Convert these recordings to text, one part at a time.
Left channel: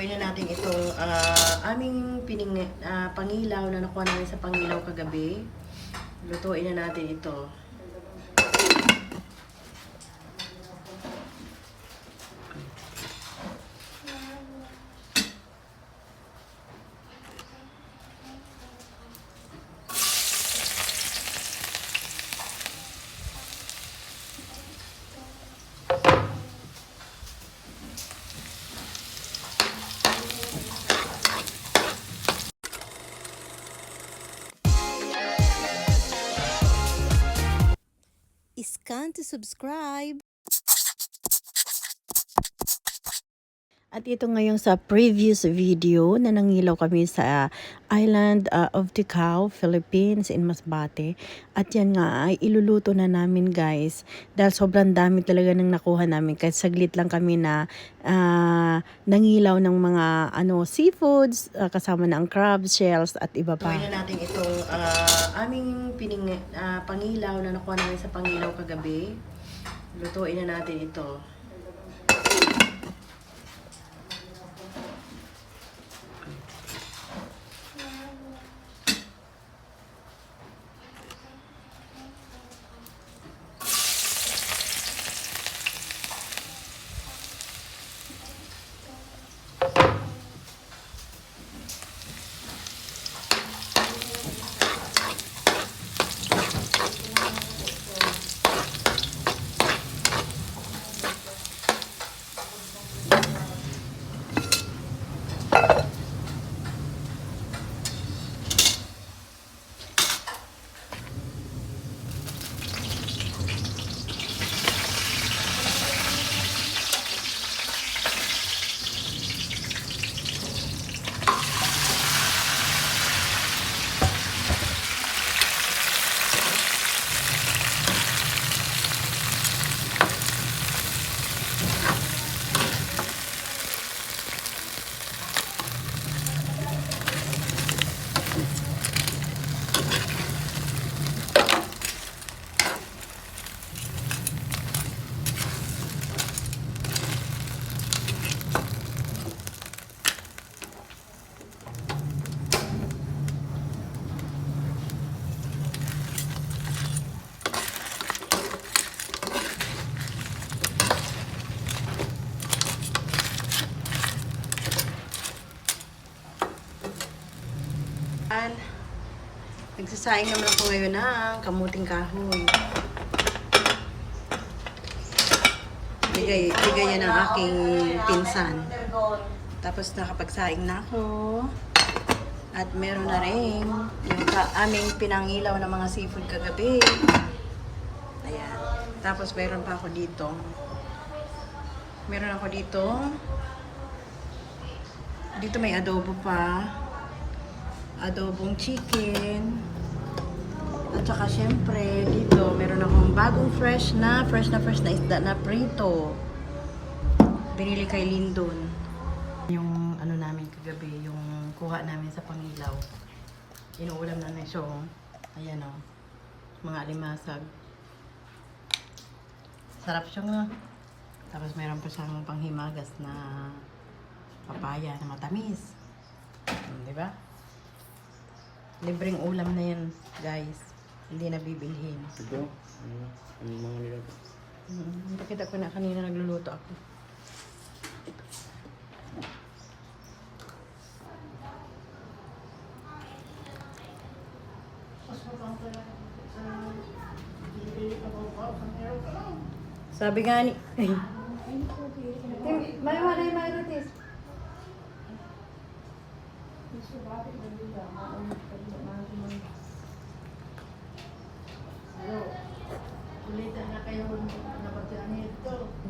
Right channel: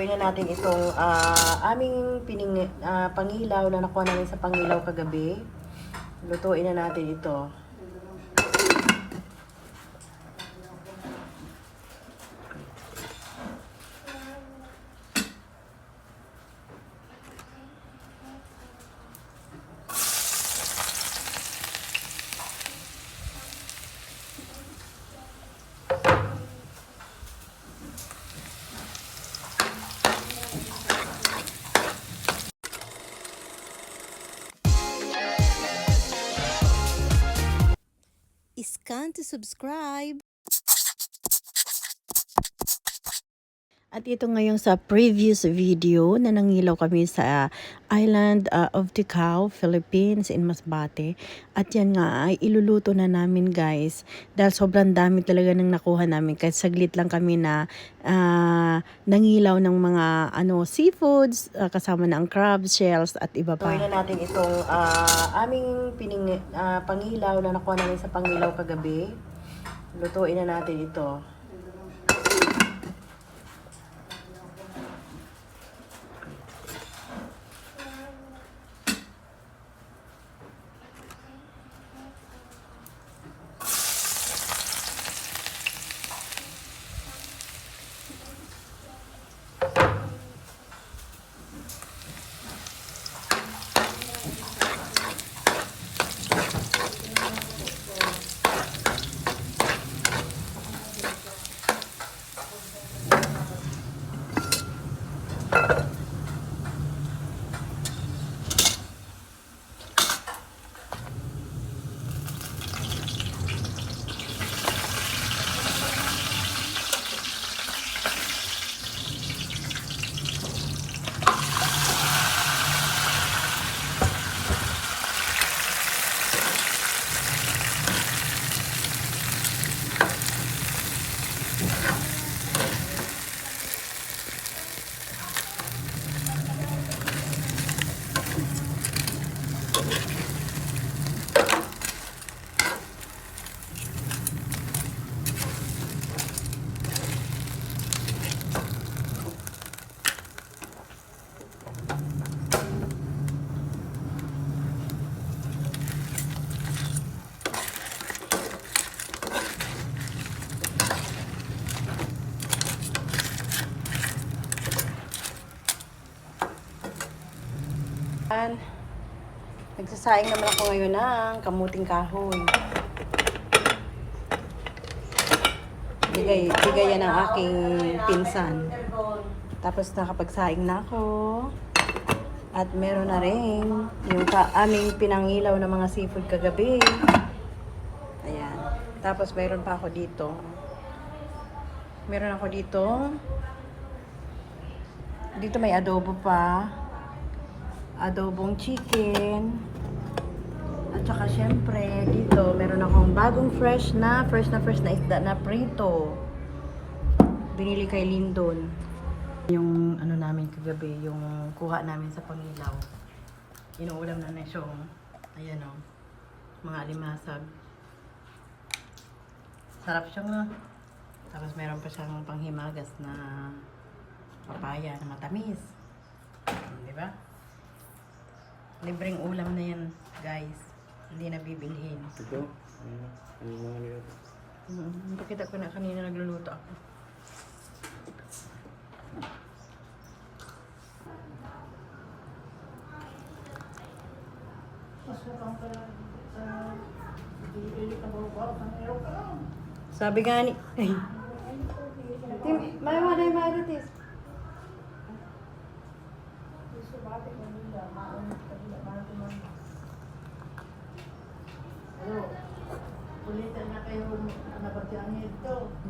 Lutuin na natin itong aming pangilaw na nakuha namin sa pangilaw kagabi. Lutuin na natin ito. Scan to subscribe. At ito ngayon sa previous video na nangilaw kami sa Island of Ticao, Philippines in Masbate. At yan nga ay iluluto na namin guys. Dahil sobrang dami talaga nang nakuha namin. Kahit saglit lang kami na nangilaw ng mga seafoods kasama na ang crab, shells at iba pa. Lutuin na natin itong aming pangilaw na nakuha namin sa pangilaw kagabi. Lutuin na natin ito. Nagsasaing naman ako ngayon ng kamuting kahoy. Bigay yan ng aking pinsan. Tapos nakapagsaing na ako. At meron na rin yung aming pinangilaw ng mga seafood kagabi. Ayan. Tapos meron pa ako dito. Meron ako dito. Dito may adobo pa. Adobong chicken. At saka syempre dito meron akong bagong fresh na isda na prito. Binili kay Lindon. Yung namin kagabi, yung kuha namin sa pangilaw. Inuulam na na siya. Ayan o. Mga alimasag. Sarap siya nga. Tapos meron pa siyang panghimagas na papaya na matamis. Diba? Libreng ulam na yan, guys. Hindi na bibilhin. Ito? Ano mga nilato? Pakita ko na kanina nagluluto ako. Sabi nga ni...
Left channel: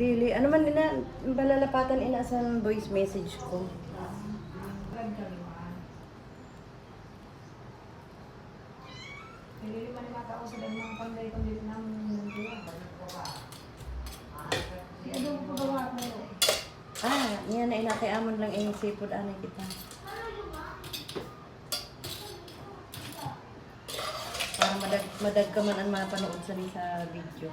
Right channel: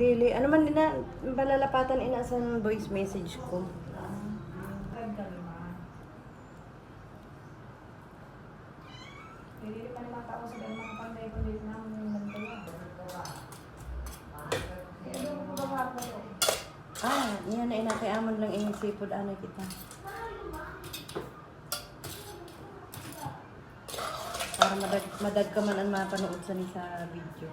Dili, ano man na balalapatan inasang voice message ko. Yan na inakiamon lang yung seafood anay kita. Para madag ka man ang mapanood sa video.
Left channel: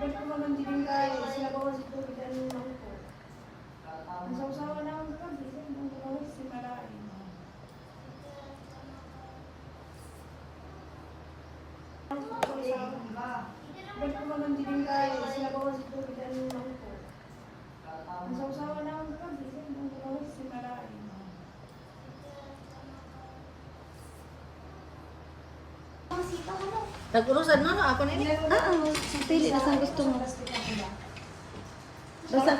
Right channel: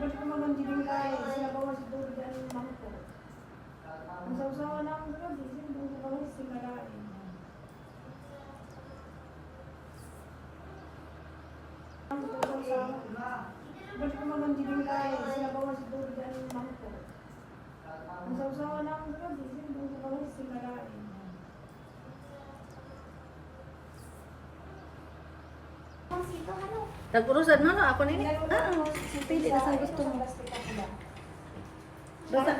Ba't ko naman din kaya? Sinabawa si Turo dahil lang po. Ang sausawa na ako sa gabi, hindi ko si Malain. Ba't ko naman din kaya? Sinabawa si Turo dahil lang po. Ang sausawa na ako sa gabi, hindi ko si Malain. Nag-urusan no, ako na ini. Pili na sa gusto mo. Basta,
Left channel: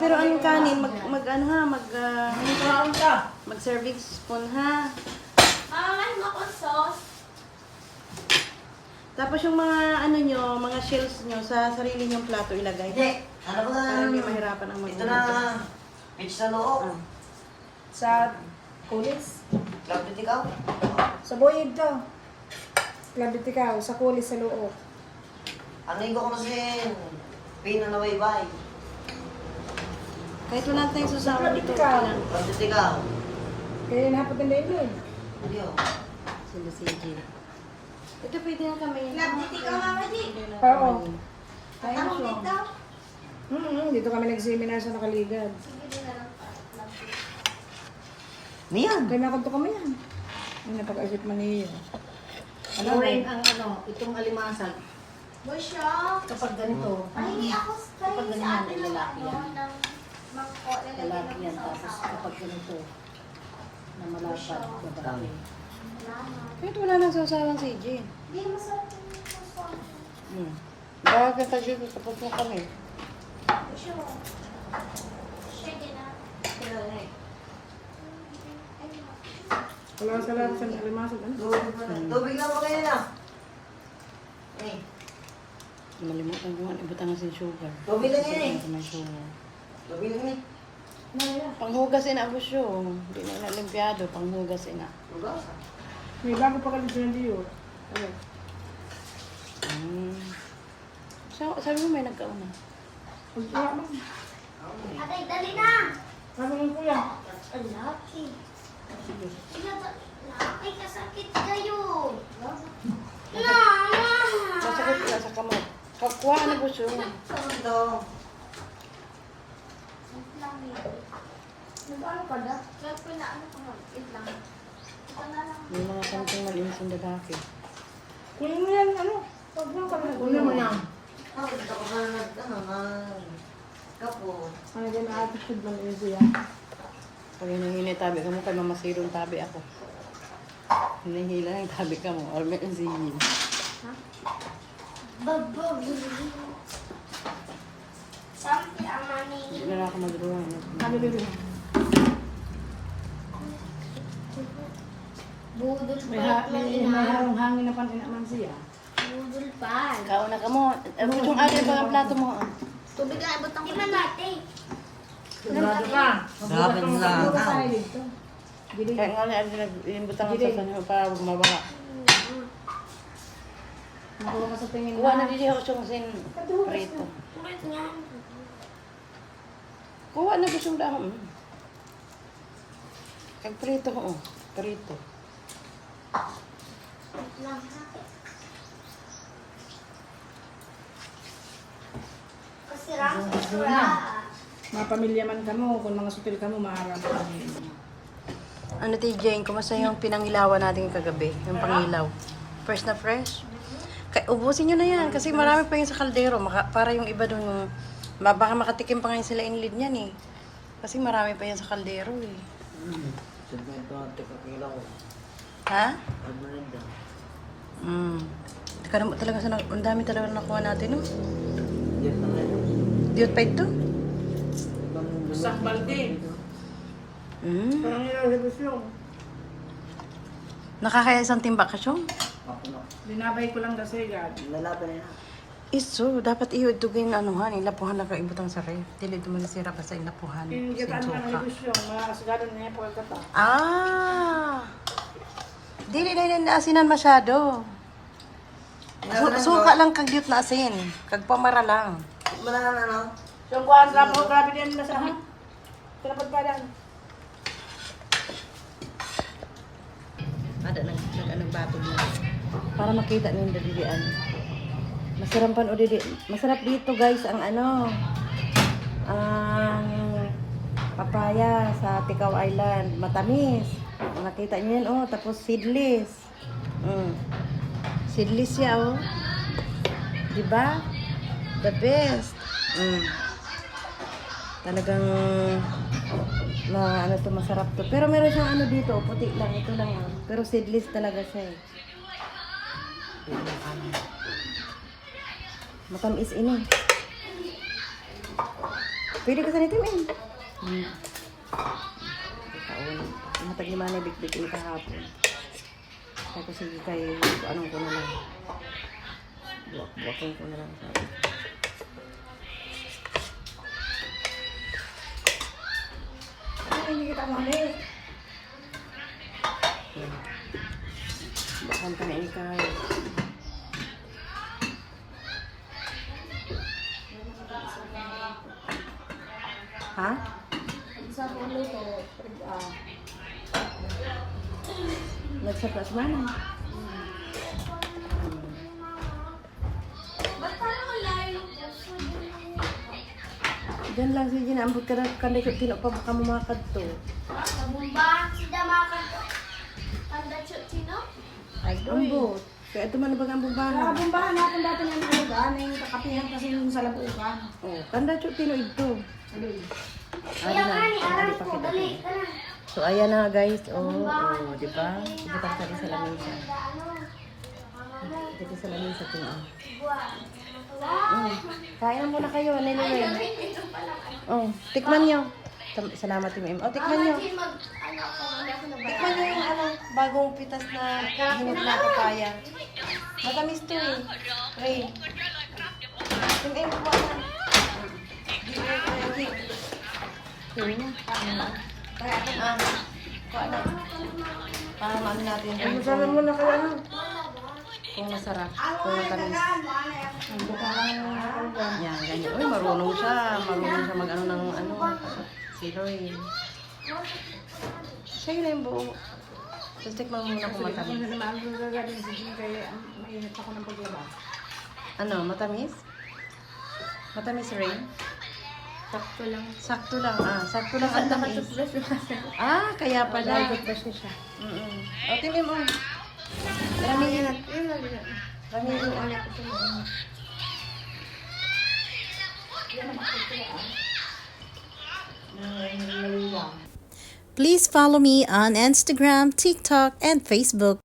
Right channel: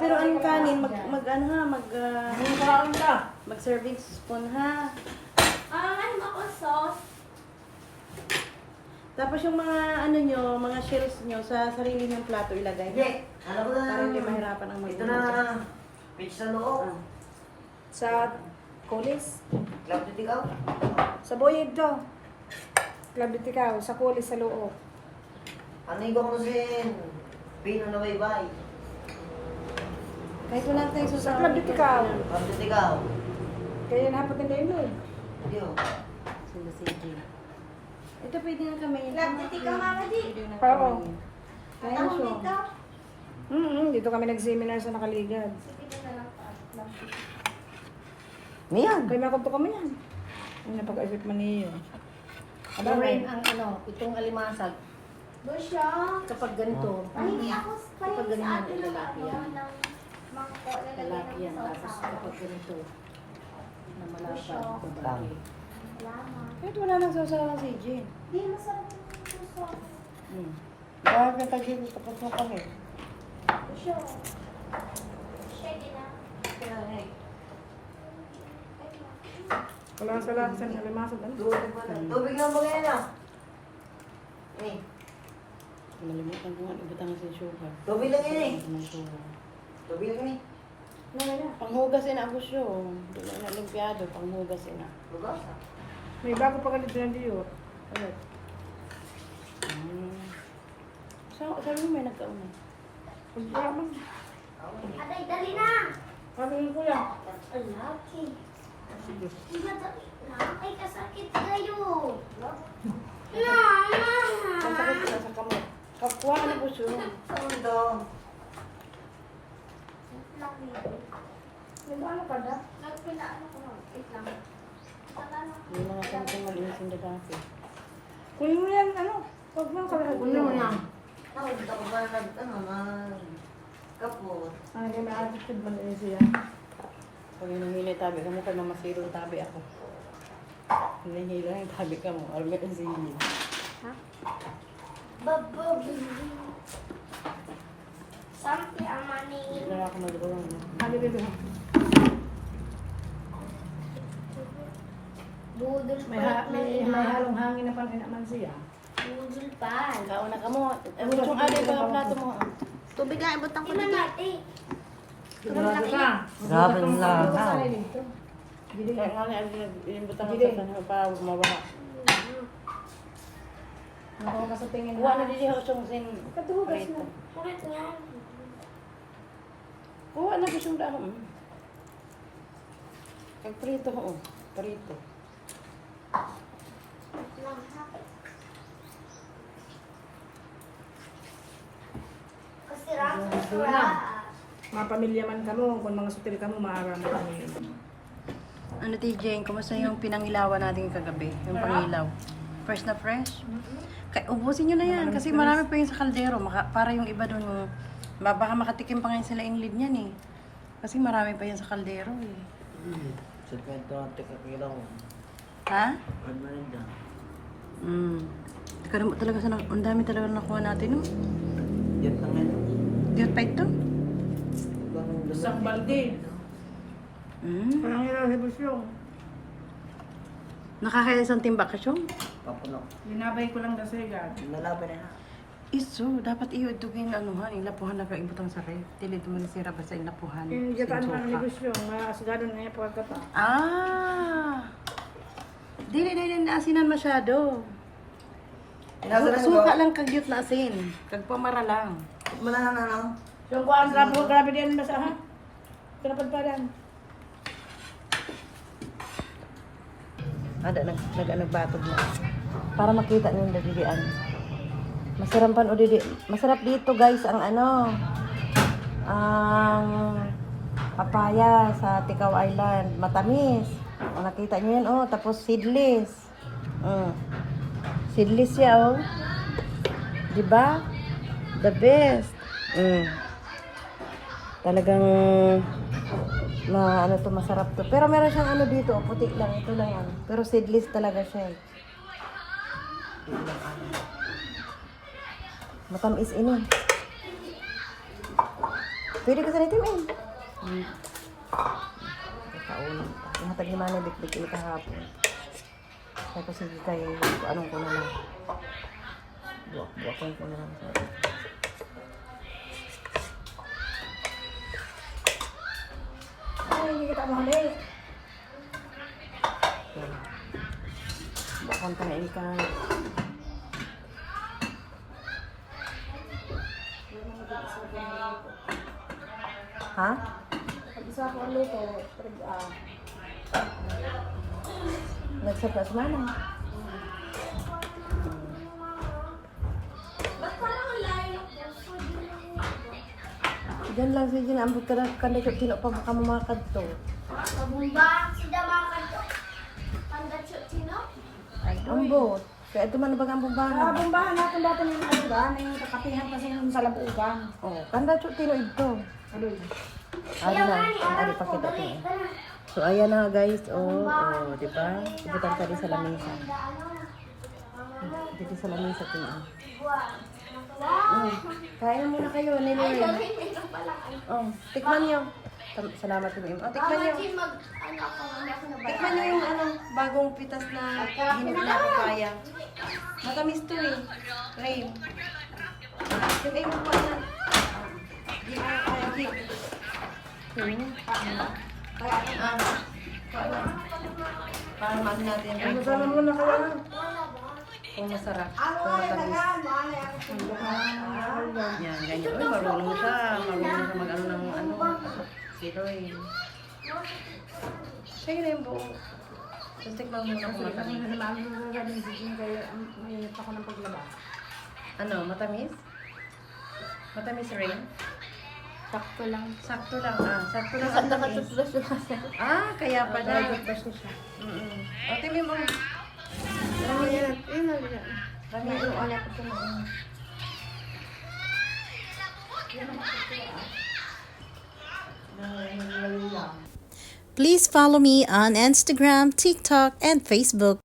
pero ang kanin, ano ha, mag serving spoon ha. Ay, mako sauce. Tapos yung mga ano nyo, mga shells nyo sa sarili nyong plato ilagay. Hindi. Ano ba? Para hindi mahirapan ang Ito na. Pitch na loob. Sa kulis? Lapit ikaw. Sa boyid daw. Labit ikaw, sa kulis sa loob. Ano yung kumasin? Pinanaway-bay. Kahit wala tayong susawa. Lapit ikaw. Lapit ikaw. Kaya napag na eh. Hindi oh. Sila si Jay. Ito pwede na kami. Lapit ikaw, Mama G. Pwede na Oo. kami. Kaya Ako siya. dito. Dito kami nag-seminar sa Nakaligad. Sige na lang pa. Niyan. Kaya makunto kami yan. Napag-isip mo niya. Gawin ang itong alimasag. Busyo. Kapag ganito, Ay, ako kapag ganyan ay lalaki yan. Lalaki Lalaki yan. Tapos kapag ganito, na malapad, babae. Kahit wala nang susawa si Jay. Di masarap yung puso. Bawag kita dito tapos na kami. Busyo. Shake it up. Wala sa lahat sa alimasag. Ano? Tubig na mo ngayon ah. Eh. Malimutan ko nga ibutang si sugar. Tubig lang yun eh. May sugar. Tubig lang eh. Panghugasin na ako siya. Hindi na inalimpiado. Panghugasin na. Lugas. May bago pa kalit dyan diyo. Sabi mo may nagkauna. Wala ba? Atay, dali na. Ano lang kuya? Ang laki. Ay, kasakit kayo. Masakit ka sa kamay. Kakuha na po siya. Saan daw? Ano pa na? Kaya pinaano ko na. Wait lang. Ito na lang. May mga something na inis yung lalaki. Kunin mo yan, ano? Huwag lang kalagay. Kunin mo yan. Oh, dito ko na kapo. Ay, kaya may attitude lang yun siya. Pag hinahili tabi ka mo kay mamasirong tabi ako. Hinahila ng tabi ka mo. Or may singin. Babab. Something ang maningin. Hindi na ako magawa. Ano rin din? Budol May harong hangin na panin naman siya. Budol pa. Kauna ka mo. Abot yung alin mga plato mo. Tubig na, abot ang iman natin. Sigurado ka. Sabi nila, Kaya nga yung butang sa sanyo para mabaha. Nakuha ka sa tingin Kuha na didi ako siyang sin prito. Kulit niyan. Kuha na po siyang dahon. Kag prito ko. Prito. Wait lang ha. Masirap. Mga pamilya man ka mo, kung mga sutil ka mo, maarang mo kami. Ano TJ, kumusta yung pinangilawan natin kagabi? Yung pangilaw. Fresh na fresh? Ubusin nyo na yan kasi marami pa yung sa kaldero. Para yung iba doon, baka makatikim pa ngayon sila inlid niyan eh. Kasi marami pa yan sa kaldero eh. Sabi ito ang tikikila ko. Ha? Ano na ba? Talaga ang dami talaga nakuha natin no? Yan lang yan. Diyot pa ito? Isang balde. Parang nalibos yung. Nakakaya isang timba ka siyong? Papuno. Binabay ko lang daw sa higad. Nalaban na yan. Iso, dapat iudugin anuhan, ilapuhan na kaibutang sakay. Dili dumanisira ba sa ilapuhan? Yung gataan mo ang Sinsuka. nalibos yung, maasagarin niya pagkata. Dili na asinan masyado. Suka lang kagyut na asin. Kag pamara lang. Manana na. So, kuhaan ka po, grabe din na sa ha? Tinapad pa lang. Ada nagbato mo. Para makita na yung dalian. Masarap dito guys ang ang papaya sa Tikaw Island. Matamis. O, nakita niyo yan, tapos seedless. Seedless siya, Diba? The best. Talagang masarap to. Pero meron siyang dito, puti lang. Ito lang yan. Pero seedless talaga siya. Matamis ini. Pwede ko sa nito, Matag ni Manay bik-bik ini kahapon. Kaya ko sige kayo, anong ko na lang. Buwakon ko na lang. Ay, hindi kita mali. Buwakon ka na ikaw. Ha? Isa ko ang luto. Nagsurprise mana? Ba't parang wala yung puso? Diyan lang sige na ambot ka na kanda siya tino pa baka mo mga kadto. Sa bumba, si Damakan to. Ang datsyo, sino? Ambot. Kaya ito man bang ambot ba? Bumbahan natin dati yung yung kakapihan kasi yung sa labugan. Oh, kanda siya tino ito. Kaya nga ni Ari Aral pa ko, kita. dali, tara. So ayan na guys, di ba? Ibutan ka din sa lamesa. Dito sa lamesa ito. Kain muna kayo, nililoy. Tikman niyo. Salamat din mo. Tikman niyo. Tikman niyo yung bagong pitas na hinog na papaya. Matamis to Ray. Yung buwan na. Parang ano natin. Sabihin mo na kayo. Kung masarap. Kung matamis. Yan, ganyan. Uy, marunong siya. Marunong siya mag-ano ng siloy. Siya yun na yung buo. Tapos tikman muna kung matamis. Ano, matamis? Matamis rin? Sakto lang. Sakto lang. Sakto lang ang tamis. Kaya pala. O, tingin mo. Ano yan at yun na rin. Rami yung Anak ko na. Please follow me on Instagram, TikTok, and Facebook.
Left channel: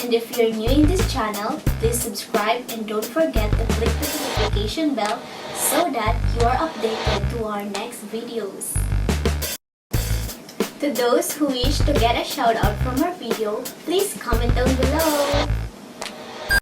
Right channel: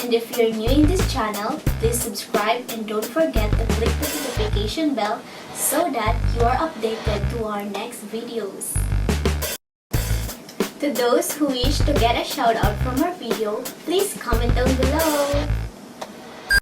And if you're new in this channel, please subscribe and don't forget to click the notification bell so that you are updated to our next videos. To those who wish to get a shout out from our video, please comment down below.